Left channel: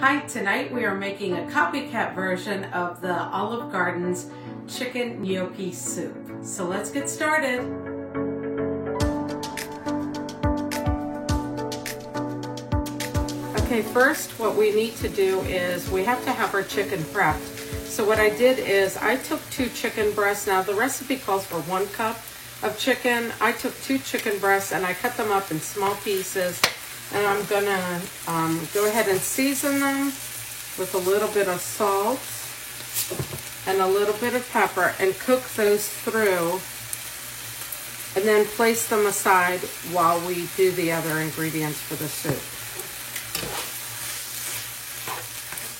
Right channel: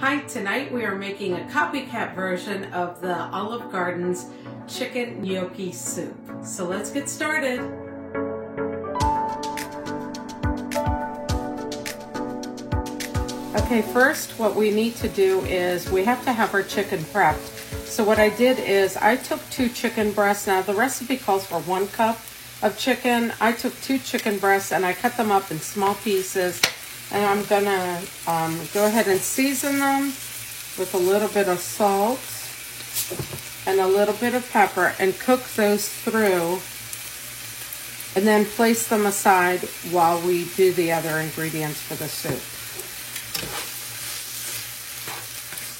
Hi, tonight we are making a copycat version of the Olive Garden's chicken gnocchi soup. So let's get started. Okay, first what we need to do is we have to have our chicken prepped. So what I did is I took 2 chicken breasts. Now the recipe calls for 1 cup of chicken. I took 2 chicken breasts and I cut them up in small pieces. And I'm gonna go ahead and season them with a little bit of salt and a little bit of pepper and cook those through, and then place them aside while we do the other ingredients for the soup.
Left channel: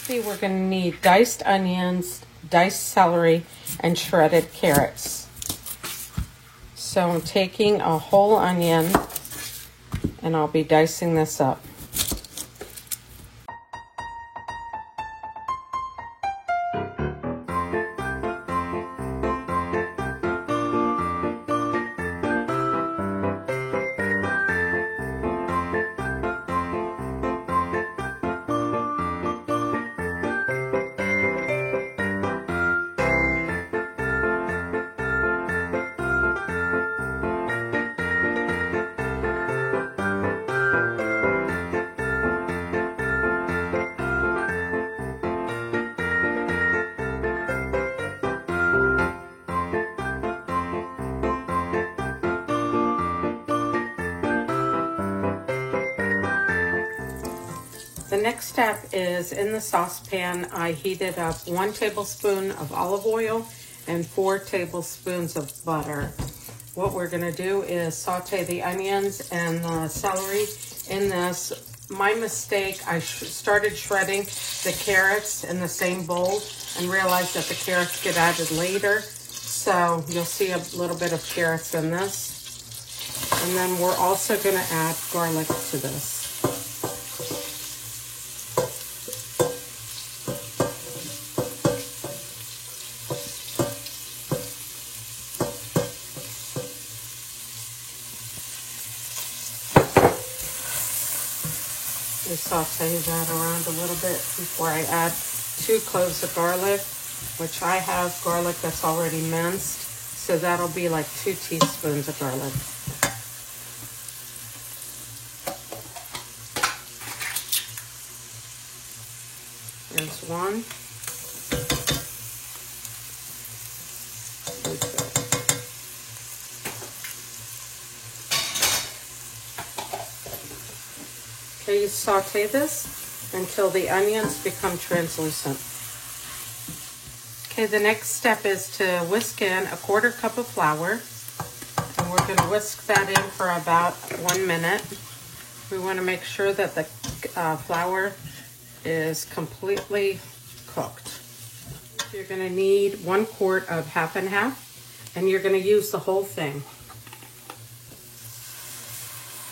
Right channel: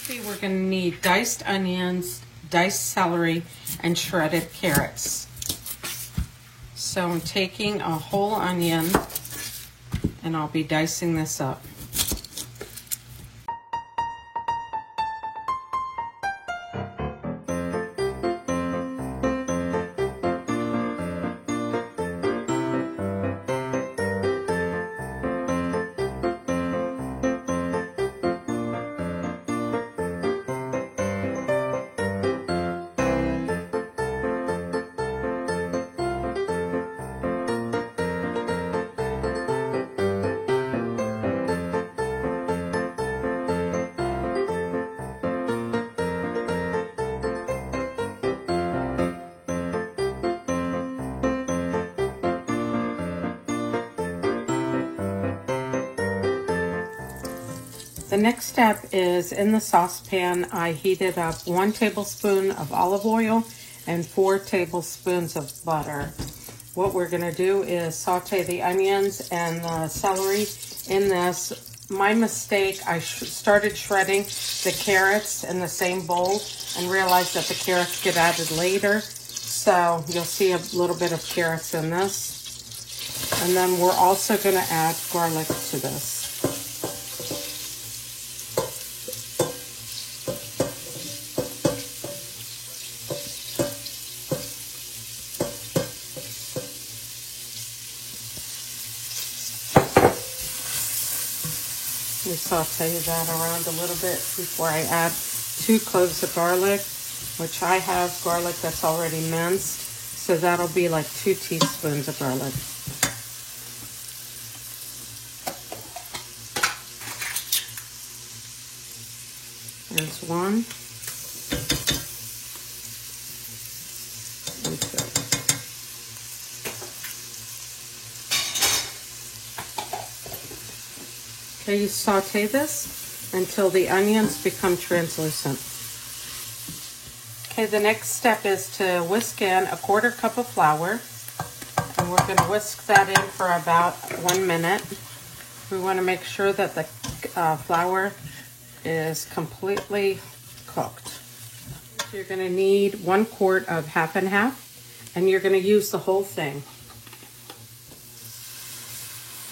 Okay, we're gonna need diced onions, diced celery, and shredded carrots. So I'm taking a whole onion and I'll be dicing this up. The next step is in the saucepan, I heated up 1 tablespoon of olive oil and 4 tablespoons of butter. What we're gonna do is saute the onions and the celery in this. My mistake, I started shredding the carrots in the same bowl and realized that the carrots get added later. So you'll see a little bit of carrots in this. And then we're also gonna add garlic to this. Saute that around a little bit before I add 2 cloves of garlic, which I have garlic that's already minced, so that'll be like 2 teaspoons of garlic. There's 1. Okay, you saute this until the onions become translucent. Okay, the next step is to whisk in a 1/4 cup of flour. And we're going to whisk that in for about 1 minute. We want to make sure that the flour is completely cooked. You're going to need 1 quart of half and half, and you're going to use the whole thing.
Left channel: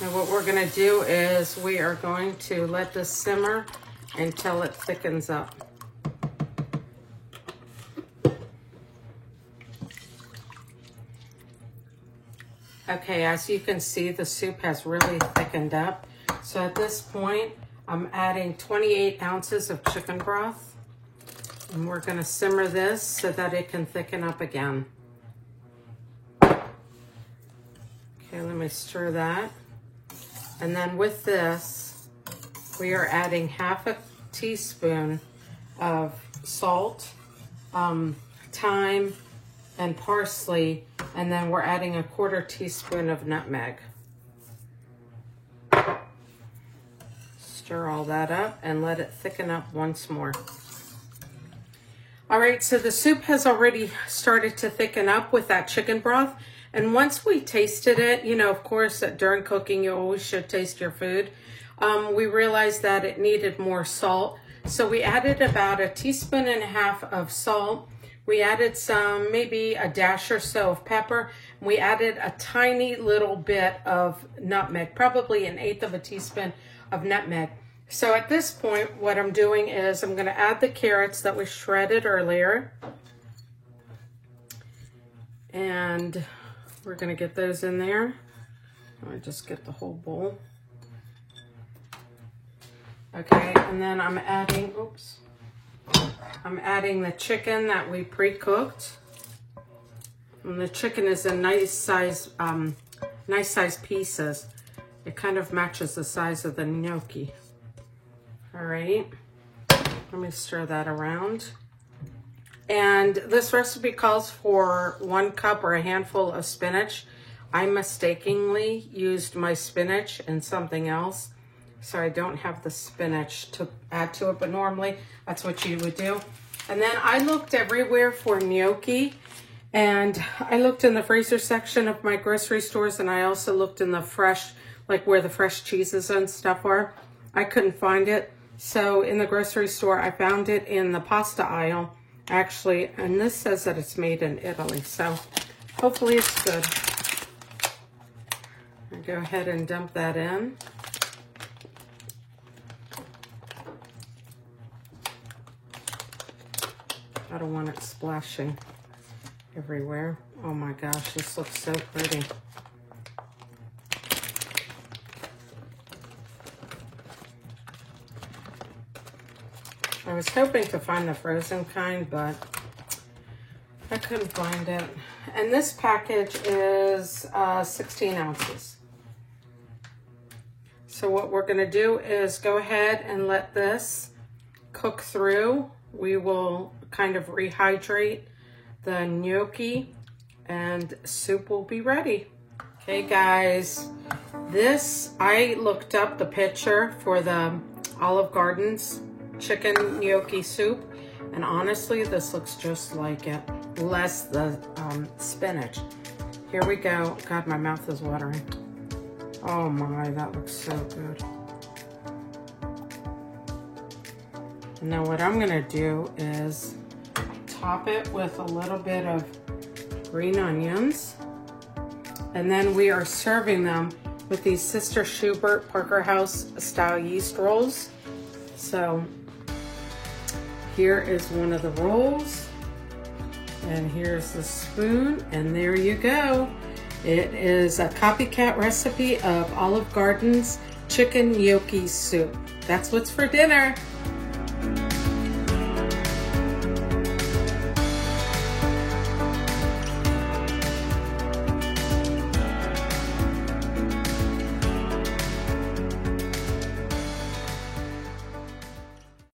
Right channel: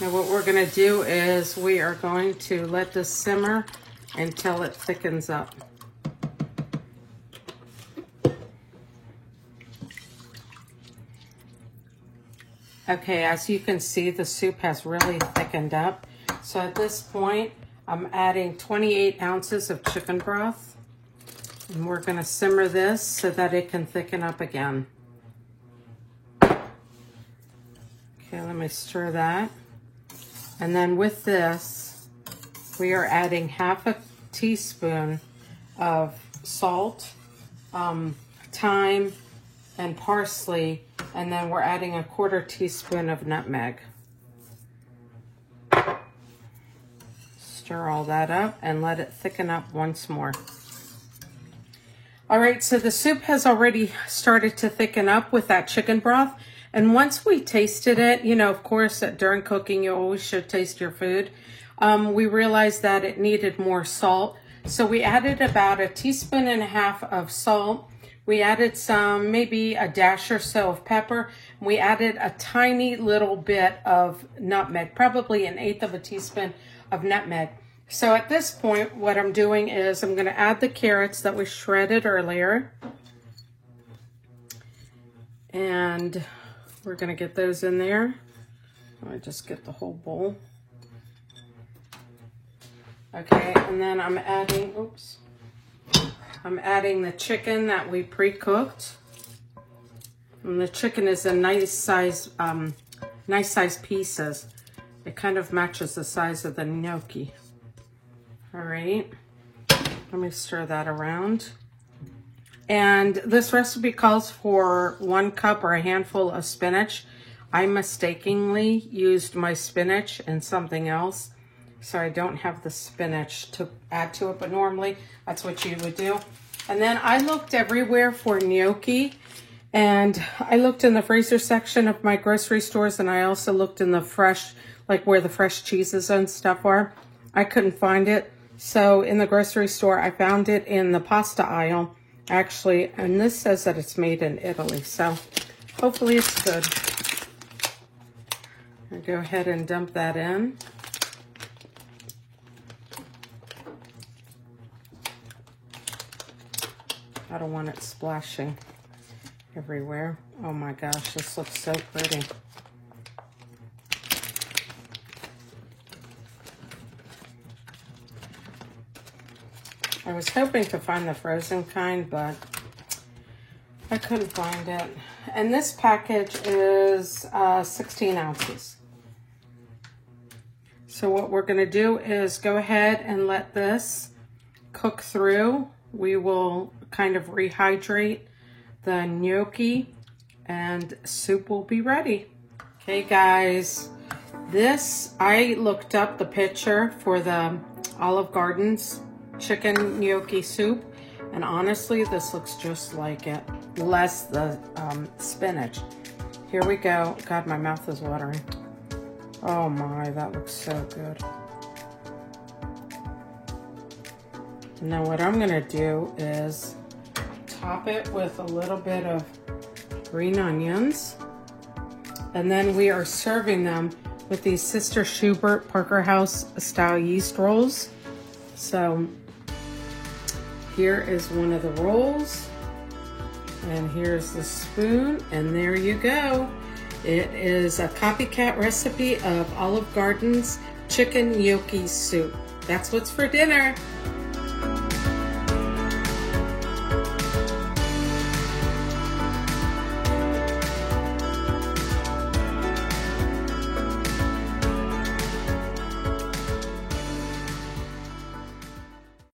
Now what we're going to do is we are going to let this simmer until it thickens up. Okay, as you can see, the soup has really thickened up. So at this point, I'm adding 28 ounces of chicken broth. And we're going to simmer this so that it can thicken up again. Okay, let me stir that. And then with this, we are adding half a teaspoon of salt, thyme, and parsley, and then we're adding a 1/4 teaspoon of nutmeg. Stir all that up and let it thicken up once more. All right, so the soup has already started to thicken up with that chicken broth. And once we tasted it, you know, of course, during cooking, you always should taste your food. We realized that it needed more salt. So we added about 1.5 teaspoons of salt. We added some, maybe a dash or so of pepper. We added a tiny little bit of nutmeg, probably 1/8 teaspoon of nutmeg. So at this point, what I'm doing is I'm gonna add the carrots that we shredded earlier. And we're gonna get those in there. I'll just get the whole bowl. Okay, and then I'm adding the chicken that we pre-cooked. And the chicken is a nice size pieces. It kind of matches the size of the gnocchi. All right, let me stir that around. And this recipe calls for 1 cup or a handful of spinach. I mistakenly used my spinach and something else, so I don't have the spinach to add to it, but normally that's what you would do. And then I looked everywhere for gnocchi, and I looked in the freezer section of my grocery stores, and I also looked in the fresh, like where the fresh cheeses and stuff are. I couldn't find it. So in the grocery store, I found it in the pasta aisle, actually, and this says that it's made in Italy, so hopefully it's good. I'll go ahead and dump that in. I don't want it splashing everywhere. Oh my gosh, this looks so pretty. I was hoping to find the frozen kind, but I couldn't find it. And this package is 16 ounces. So what we're gonna do is go ahead and let this cook through. We will kind of rehydrate the gnocchi and soup will be ready. Okay guys, I looked up the picture for the Olive Garden's chicken gnocchi soup, and honestly this looks just like it, less the spinach. Here we go. God, my mouth is watering. Oh my, that looks so good. Now what I'm gonna do is top it with a little bit of green onions, and then we are serving them with these Sister Schubert Parker House style yeast rolls. So here is one of the rolls, and here's the spoon, and there you go. It is a copycat recipe of Olive Garden's chicken gnocchi soup. That's what's for dinner.